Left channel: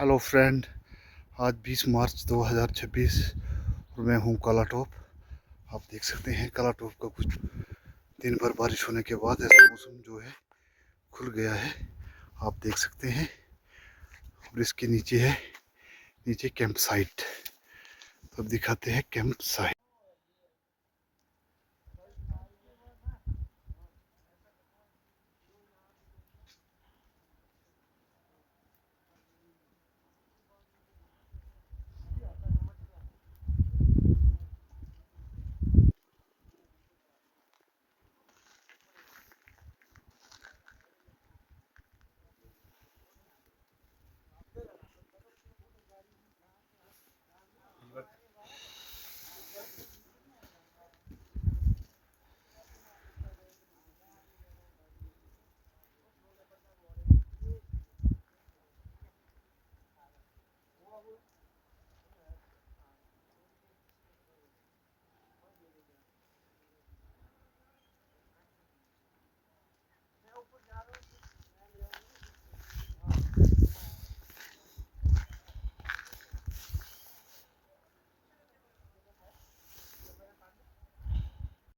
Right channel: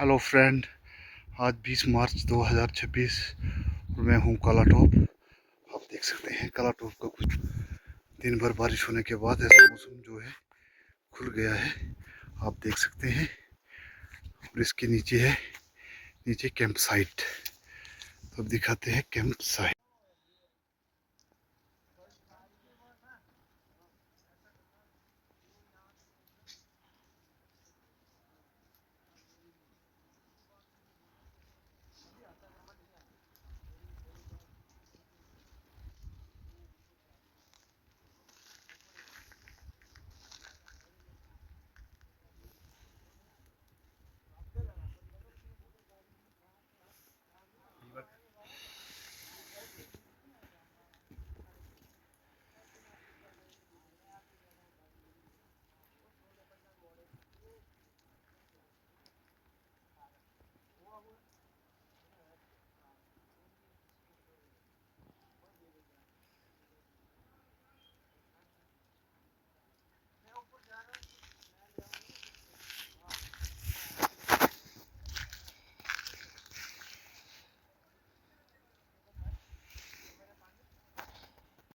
Hello friend, आज 20 मार्च 2026 और मैं हूँ काला टॉप। आप देख सकते हैं काला टॉप का कुछ दिन भर बारिश होने के बाद ऐसा मौसम जो है खुल गया है। आप देख सकते हैं और इसके नीचे है कैंप साइट। तो अब दिखाते हैं कैंप साइट।